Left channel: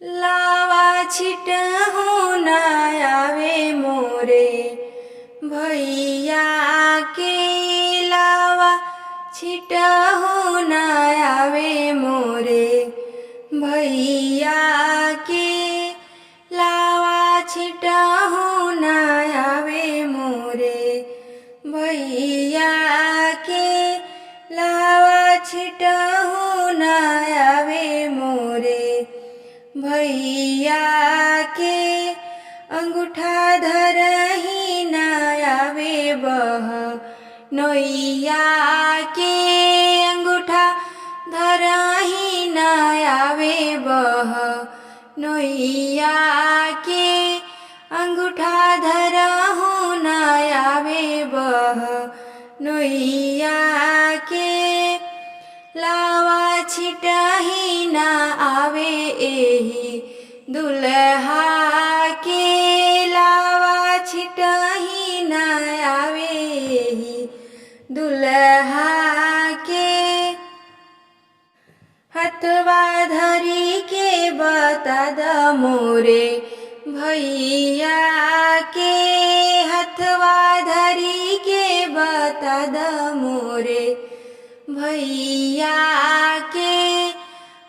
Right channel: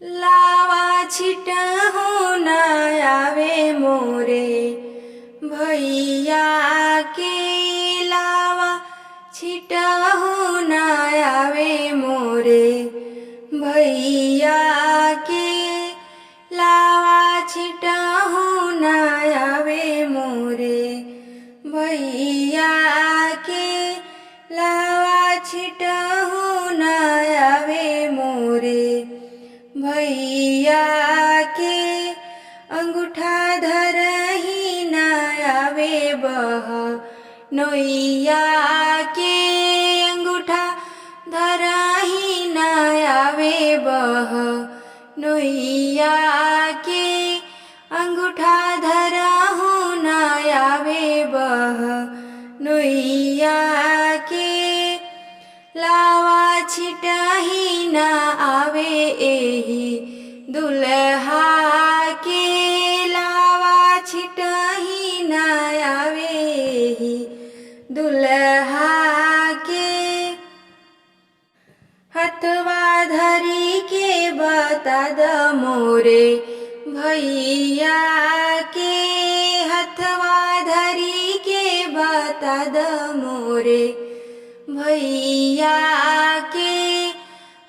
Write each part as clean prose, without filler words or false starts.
लावा छिटहु न आवे मोरे भैया के। लावा छिटहु न आवे मोरे भैया के। लावा छिटहु न आवे मोरे भैया के। लावा छिटहु न आवे मोरे भैया के। अंगूठा धरहि न आवे बह नैया के। अंगूठा धरहि न आवे बह नैया के। अंगूठा धरहु न आवे बह नैया के। लावा छिटहि न आवे एहि दुल्हा के। लावा छिटहि न आवे एहि दुल्हा के। हथवा धरी के बता द मोरे भैया के। हथवा धरी के बता द मोरे भैया के।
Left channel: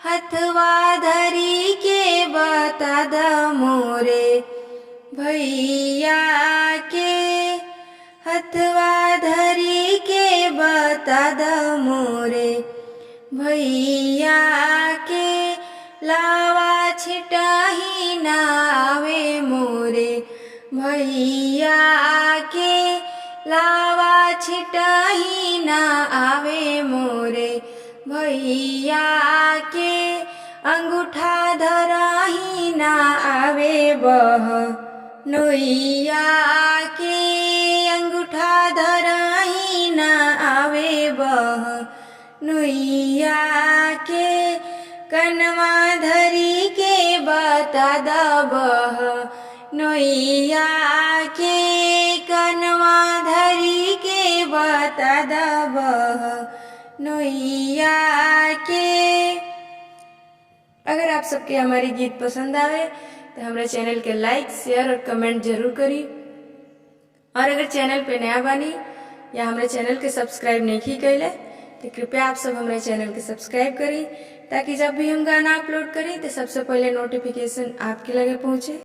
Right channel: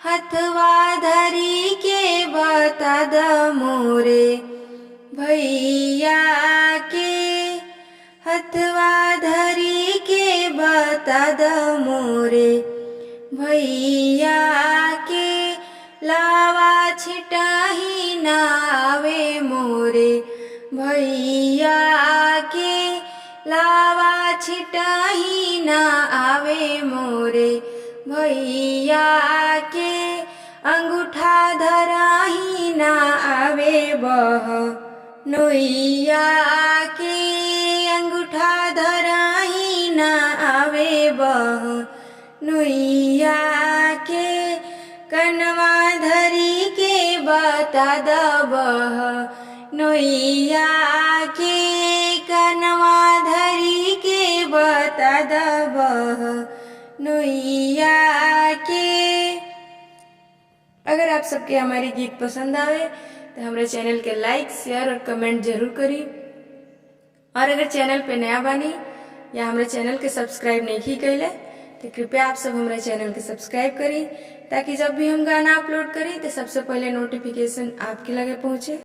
हथवा धरी के बता द मोरे भैया के। हथवा धरी के बता द मोरे भैया के। लावा छिटहि न आवे मोरे भैया के। लावा छिटहि न आवे मोरे भैया के। अंगूठा धरहि न आवे बह नैया के। अंगूठा धरहि न आवे बह नैया के। कनवा धरी के बता द बह नैया के। कनवा धरी के बता द बह नैया के। अगर आप सबके हमारी गीत पसंद आवे तो हमारे चैनल के लाइक शेयर और कमेंट जरूर करी। और अगर चैनल पे नया बानी या हमारे चैनल के सब्सक्राइब नहीं कैले तो कृपया आप सब हमारे चैनल के सब्सक्राइब करी, ताकि जब भी हम गाना अपलोड करें तो सबसे पहले नोटिफिकेशन आपके लगे पहुँचे।